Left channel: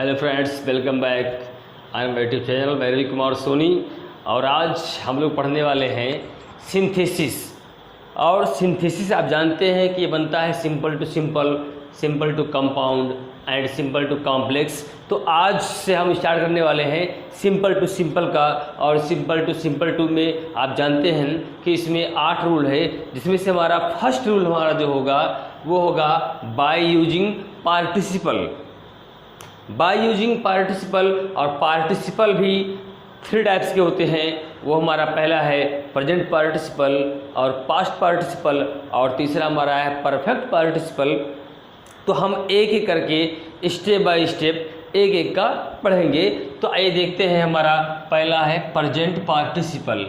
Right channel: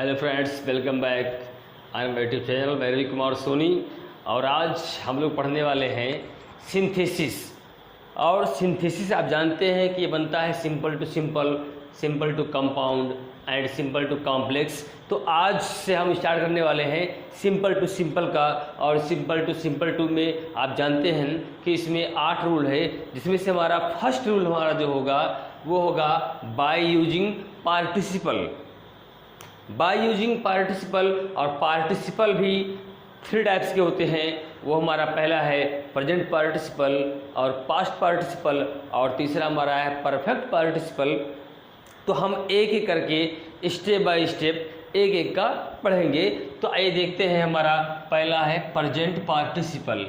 Hello friends, welcome back. I am YouTube channel Vairavi Kumar Soni. और आज हम लोग पढ़ने वाले हैं सिंथेसिस। और सिंथेसिस आप जानते हैं कि ये बनता है simple to simple, simple to compound and simple to complex. तो आज से हम स्टार्ट करने वाले हैं सिंपल टू सिंपल का। और सिंपल टू सिंपल टू में आप जानते हैं कि इसमें 8 रूल है, जिसमें से हमारा फर्स्ट रूल हमारा जो होगा वो होगा by using participle. By using participle, और पार्टिसिपल भी 3 टाइप्स के होते हैं। वो हमारा पहला है प्रेजेंट पार्टिसिपल और पास्ट पार्टिसिपल, और तीसरा हमारा है परफेक्ट पार्टिसिपल। तो हम एक एक करके स्टेप बाय स्टेप एक एक का पढ़ेंगे। तो आइए देखते हैं। हमारा पहला है प्रेजेंट पार्टिसिपल।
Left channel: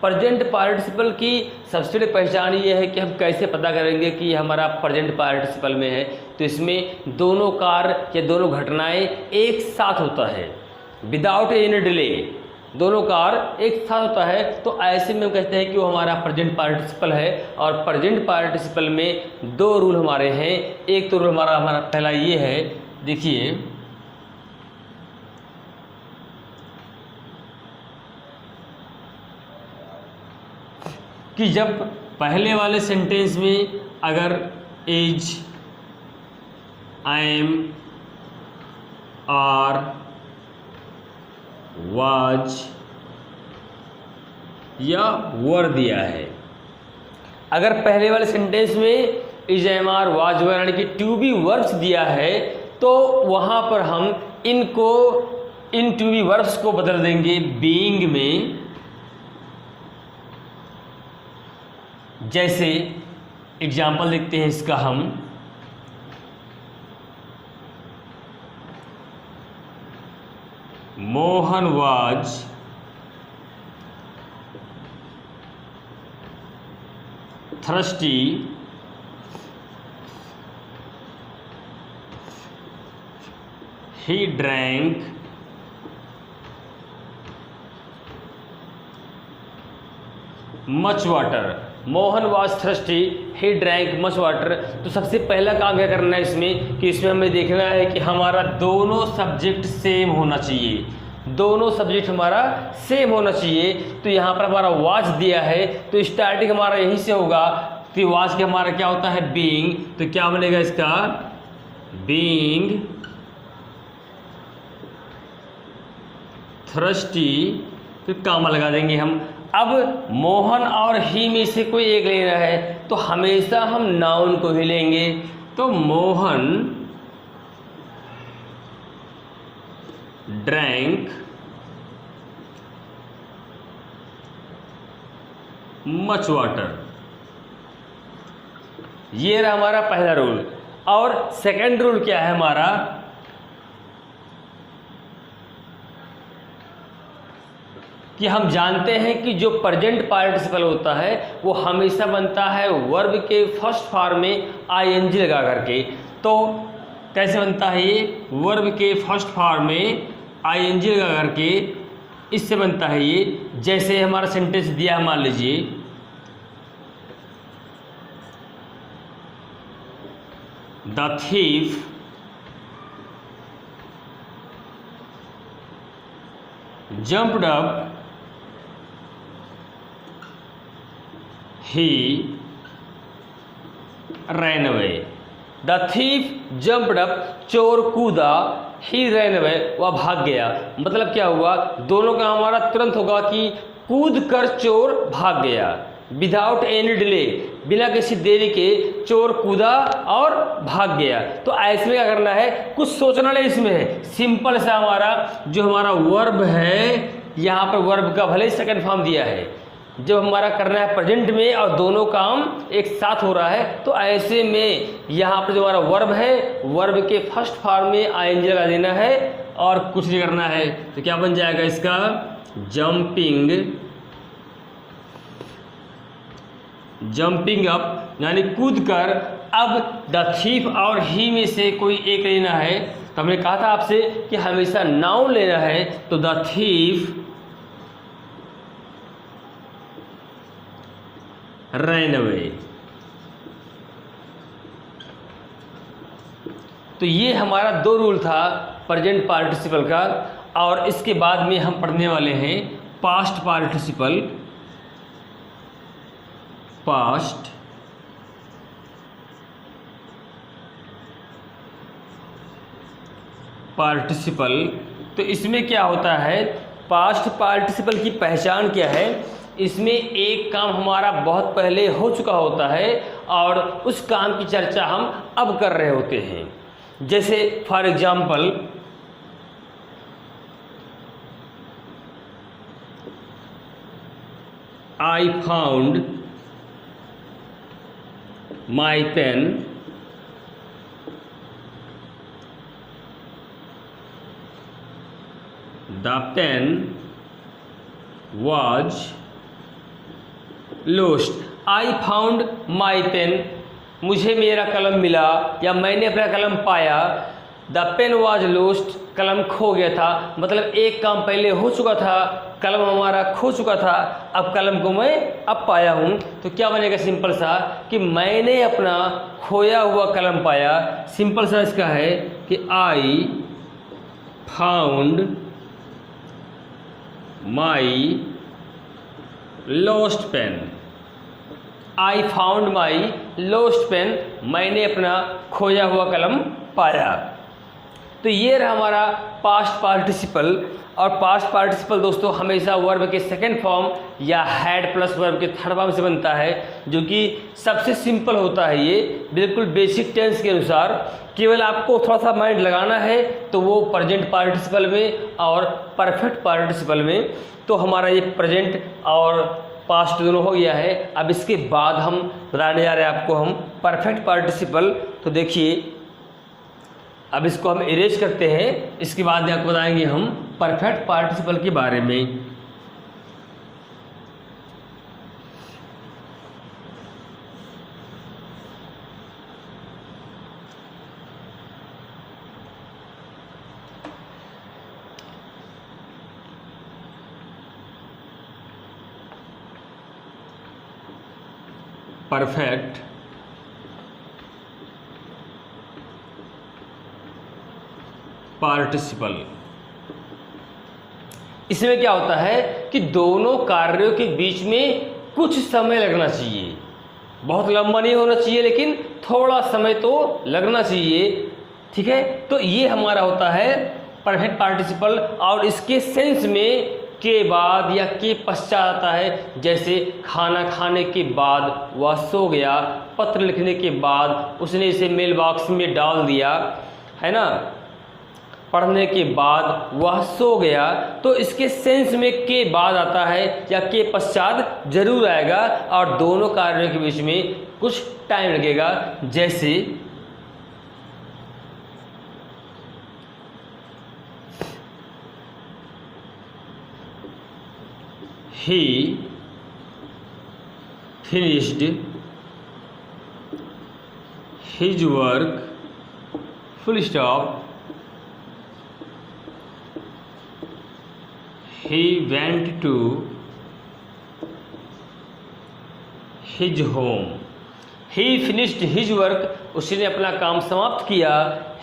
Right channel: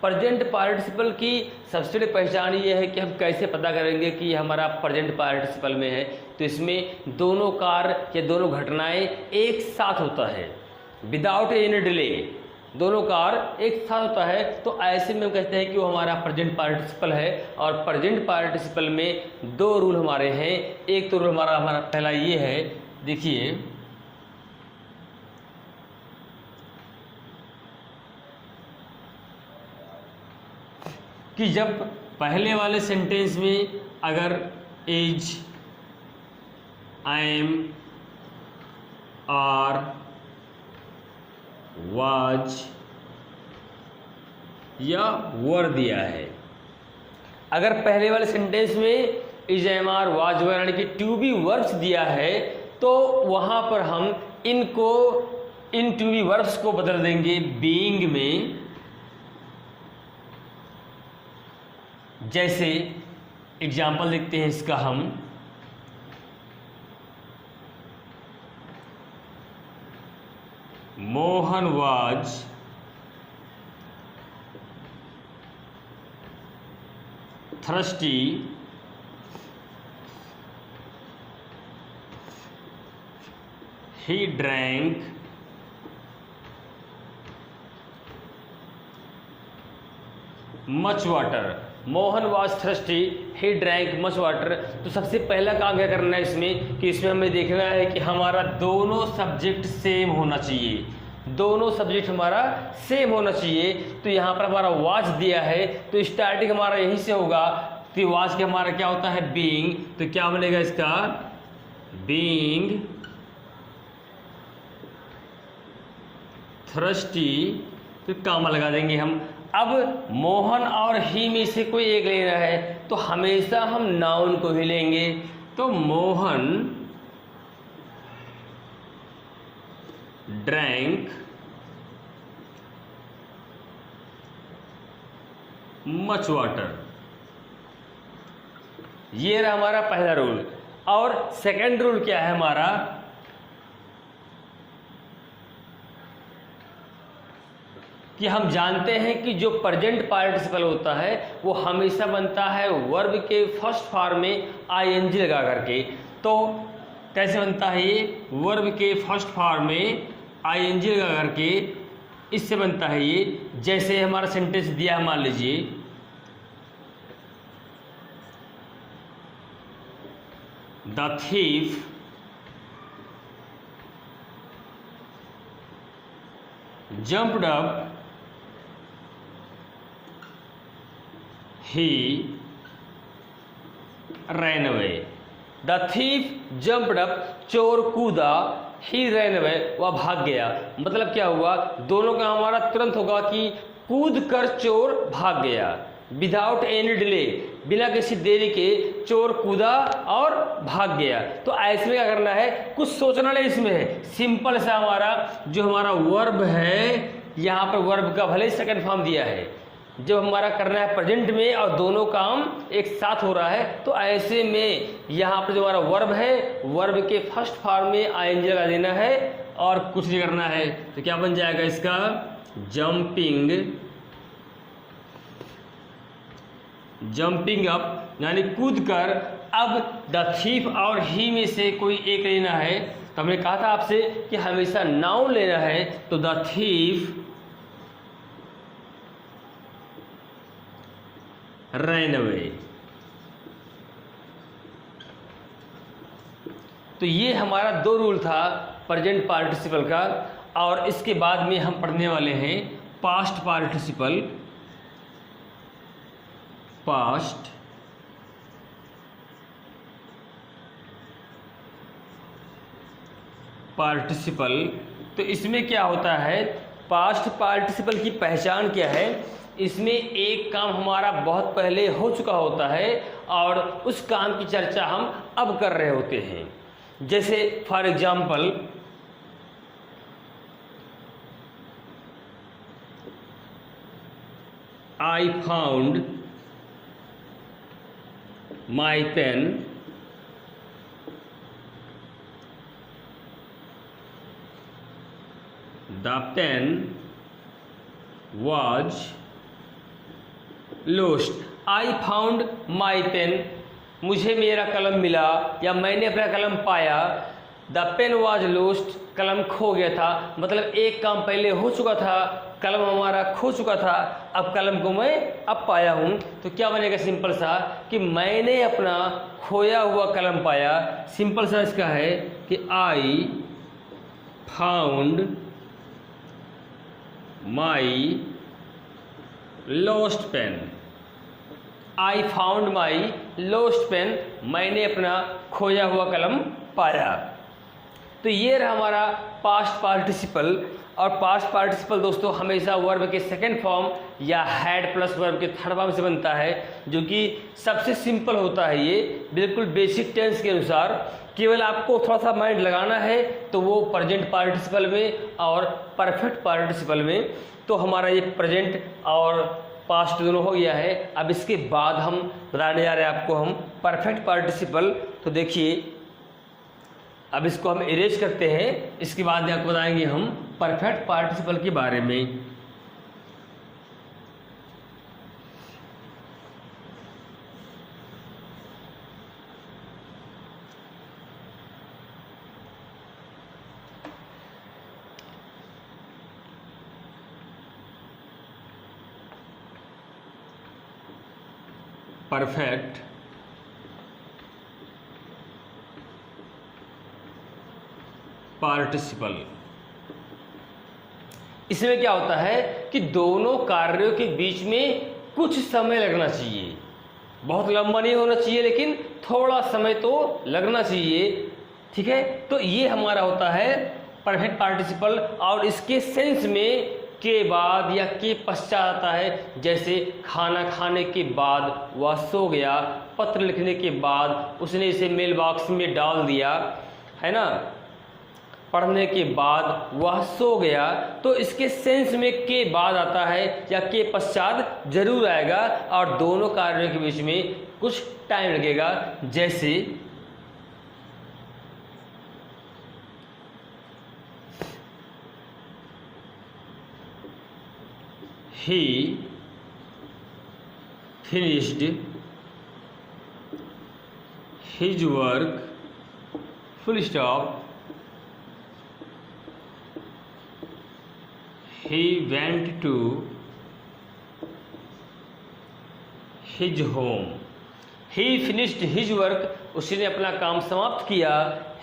प्रेजेंट पार्टिसिपल की सबसे बड़ी पहचान ये है कि हम कैसे पता करेंगे कि ये हमारा प्रेजेंट पार्टिसिपल में है। तो इसमें दोनों कार्य या दोनों घटनाएं एक साथ होता है, विदाउट एनी डिले। दोनों कार्य एक साथ होता है, तो ऐसे में हम कहते हैं कि वो हमारा प्रेजेंट पार्टिसिपल है। और प्रेजेंट पार्टिसिपल में 2 रूल हमारे हैं। एक तो रूल हमारा पहला ये है, देखिए, कि जब पहले वाले सेंटेंस में अगर इज, एम, आर, वाज या वर दिया है, अगर पहले वाले सेंटेंस में इज, एम, आर, वाज, वर यानी कि टू बी वर्ब्स दिया है, तो वहां पर हम इनको, इन टू बी वर्ब्स को बदल देंगे बीइंग में। जैसे एग्जाम्पल देखते हैं इसका हम, Mohan was thirsty he drank much water. Mohan was thirsty, he drank much water. तो सबसे पहला काम क्या करना है इसमें, कि इसमें हमें देखना है कि हमारा दोनों सब्जेक्ट सेम होना चाहिए। दोनों सब्जेक्ट हमारा सेम होना चाहिए। तो यहाँ पर हमारा वाज दिया है, तो स्टार्टिंग हमारा यहीं से होगा। तो वाज के हमारा क्या होता है, बीइंग। तो क्या बनेगा इसका, बीइंग थर्स्टी, तो कामा लगा देंगे हम। अब मोहन और ही में से कोई एक लेना है, तो हमेशा हम नाउन को ही लेंगे। तो मोहन ड्रैंक मच वाटर, ये रहा हमारा पहला रूल। और सेकंड रूल क्या है हमारा, कि हम जानते हैं कि जो प्रेजेंट पार्टिसिपल होता है वो हमेशा बनता है वर्ब के फर्स्ट फॉर्म में आईएनजी लगा करके। तो कैसे बनता है ये, वर्ब के फर्स्ट फॉर्म में आईएनजी लगा करके इससे बनता है ये। जैसे हमारा सेंटेंस दिया, मान लीजिए, the thief jumped up, he ran away। The thief jumped up, चोर कूदा, he ran away, वह भाग गया। मतलब क्या हुआ, दोनों का हमारा तुरंत होगा कि कूद कर चोर भाग गया, विदाउट एनी डिले, बिना किसी देरी के चोर कूदा और भाग गया। तो ऐसे में क्या करना है, कुछ सोचना नहीं इसमें है। सिंपल सा हमारा जो हमारा वर्ब है, यहाँ पर वर्ब का भले ही सेकंड फॉर्म दिया है, जब हमारा करना है प्रेजेंट में और दोनों काम एक साथ हो रहा है, तो ऐसे में यहाँ पर जो हमारा वर्ब है, वर्ब के फर्स्ट फॉर्म में आईएनजी लगा देना है और कुछ नहीं करना है। तो क्या बन जाएगा इसका, जंपिंग अप, यानी कूद कर। अब द थीफ और ही में से कोई एक लेना है। तो हमने कहा था आपसे कि हमेशा नाउन लेना है। तो द थीफ रैन अवे, तो ये हमारा 2 रूल था प्रेजेंट पार्टिसिपल का। और इसके बाद में हम पढ़ने वाले हैं पास्ट पार्टिसिपल। पास्ट पार्टिसिपल, तो इसमें क्या होता है, पास्ट पार्टिसिपल की पहचान क्या है, इसमें एक काम हमारा बहुत पहले हो चुका होता है और उस काम की चर्चा हम अब कर रहे होते हैं। जैसे for example I found my pen, the pen was lost। I found my pen, मुझे मेरा कलम मिला या मैंने अपना कलम पाया। द पेन वॉज लोस्ट, कलम खो गया था। मतलब एक काम पहले हो चुका था, कलम हमारा खो चुका था, अब कलम को मैं अब पाया हूँ। तो क्या बनेगा सिंपल सा कि मैंने अपना खोया हुआ कलम पाया। सिंपल सा इसका है कि I found my lost pen. I found my lost pen, मैंने अपना खोया हुआ कलम पाया। तो ये रहा हमारा पास्ट पार्टिसिपल। और पास्ट पार्टिसिपल दोस्तों हमेशा वर्ब के सेकंड फॉर्म या हैड प्लस वर्ब के थर्ड फॉर्म से बनता है, जो कि सबसे सिंपल होता है। ये बिल्कुल बेसिक टेंस के अनुसार, केवल आपको थोड़ा सा माइंड लगाना है तो वो प्रेजेंट पार्टिसिपल में और परफेक्ट पार्टिसिपल में। तो हमारा ये प्रेजेंट और पास्ट दोनों हो गया है। अब इसके बाद हम बताने जा रहे हैं आपको हम परफेक्ट पार्टिसिपल। तो देखिए अब इसको हम इरेज करते हैं, इसके बाद में आपको बताएंगे हम परफेक्ट पार्टिसिपल के बारे में। परफेक्ट पार्टिसिपल, इसमें क्या होता है कि दोनों कार्यों के बीच में कुछ समय लगना चाहिए। बहुत लंबा नहीं होना चाहिए, लेकिन थोड़ा समय तो लगना चाहिए। ठीक है, तो ये हमारा होता है परफेक्ट पार्टिसिपल। और इसके सेंस में के बाद या के पश्चात आता है। जैसे खाना खाने के बाद वह सो गया, पत्र लिखने के बाद उसने इसे मेल बॉक्स में डाल दिया, है ना, पढ़ने के बाद वह सो गया। तो इसके सेंस में के बाद आता है या के पश्चात जरूर आएगा और दोनों कार्यों के बीच में कुछ टाइम लगेगा। जैसे he finished his work, full stop, he went to his home। he finished his work, उसने अपना काम समाप्त किया।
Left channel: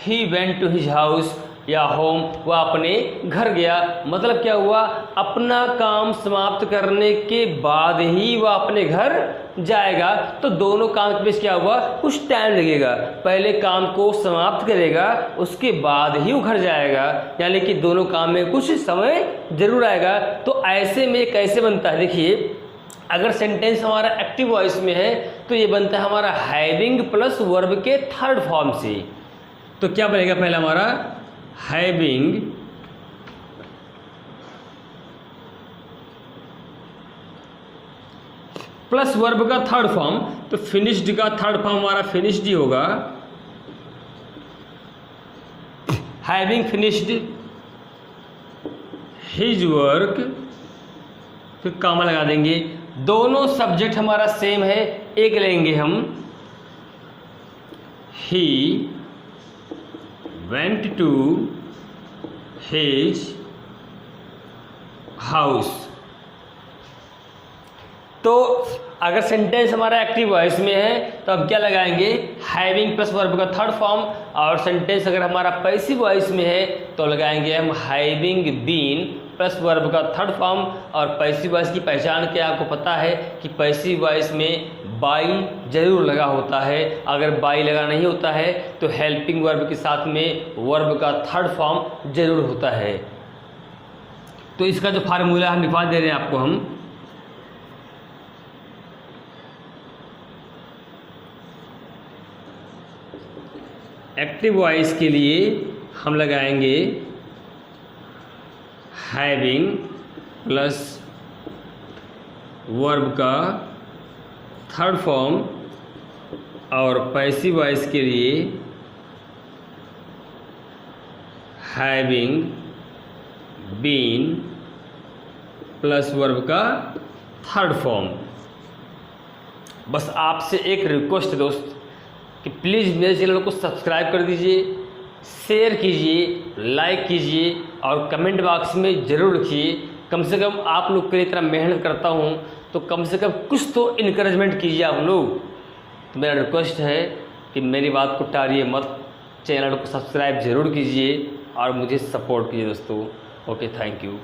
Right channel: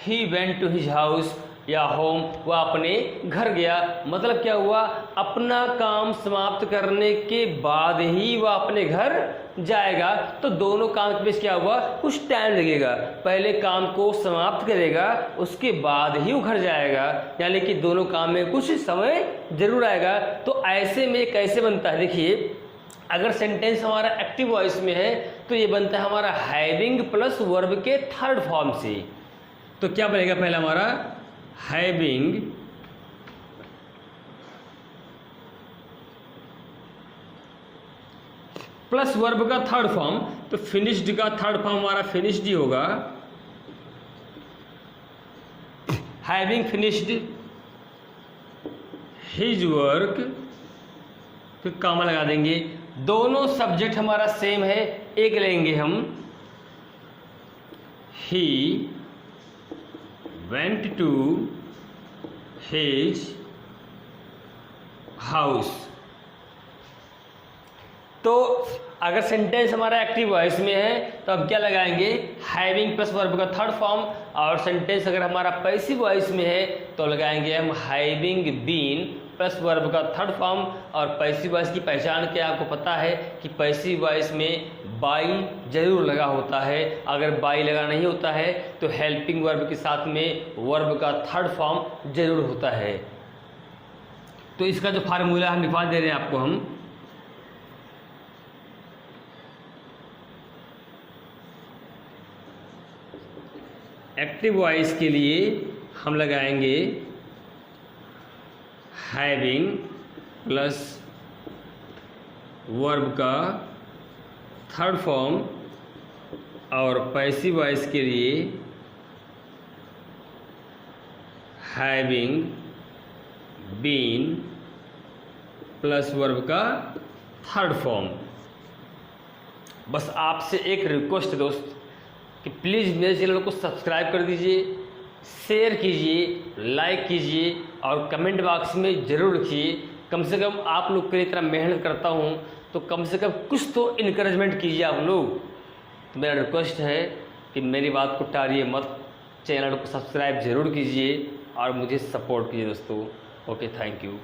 he went to his house या होम, वह अपने घर गया। मतलब क्या हुआ, अपना काम समाप्त करने के बाद ही वह अपने घर जाएगा। तो दोनों काम के बीच क्या हुआ, कुछ टाइम लगेगा। पहले काम को समाप्त करेगा, उसके बाद ही वो घर जाएगा, यानी कि दोनों काम में कुछ समय जरूर आएगा। तो ऐसे में कैसे बनता है, देखिए अगर सेंटेंस हमारा एक्टिव वॉइस में है तो ये बनता है हमारा हैविंग प्लस वर्ब के थर्ड फॉर्म से। तो क्या बनेगा, पहला हमारा हैविंग प्लस वर्ब का थर्ड फॉर्म। तो फिनिश्ड का थर्ड फॉर्म हमारा फिनिश्ड ही होगा। हैविंग फिनिश्ड हिज वर्क, फिर कॉमा लगा देंगे। दोनों सब्जेक्ट हमारा सेम है, एक लेंगे हम। ही went to his house। तो अगर सेंटेंस हमारा एक्टिव वॉइस में है तो हम क्या लगाएंगे, हैविंग प्लस वर्ब का थर्ड फॉर्म, और सेंटेंस अगर हमारा पैसिव वॉइस में है तो लगाएंगे हम हैविंग बीन प्लस वर्ब का थर्ड फॉर्म। और पैसिव वॉइस की पहचान क्या आपको पता है कि पैसिव वॉइस में बाई जरूर लगा होता है, अगर बाई लगा नहीं होता है तो हेल्पिंग वर्ब के साथ में वर्ब का थर्ड फॉर्म जरूर होता है। तो इसका जो फार्मूला हम निकाल दे रहे हैं आपको हम, एक्टिव वॉइस के लिए हम लगाएंगे हैविंग प्लस वर्ब का थर्ड फॉर्म, और पैसिव वॉइस के लिए हैविंग बीन प्लस वर्ब का थर्ड फॉर्म। बस आपसे एक रिक्वेस्ट दोस्त कि प्लीज़ मेरे चैनल को सब्सक्राइब कर दीजिए, शेयर कीजिए, लाइक कीजिए और कमेंट बॉक्स में ज़रूर लिखिए। कम से कम आप लोग की तरह मेहनत करता हूँ तो कम से कम कुछ तो इनकरेजमेंट कीजिए आप लोग। तो मेरा रिक्वेस्ट है कि मेरी बात को टालिए मत, चैनल को सब्सक्राइब ज़रूर कीजिए और मुझे सपोर्ट कीजिए दोस्तों। Okay, thank you.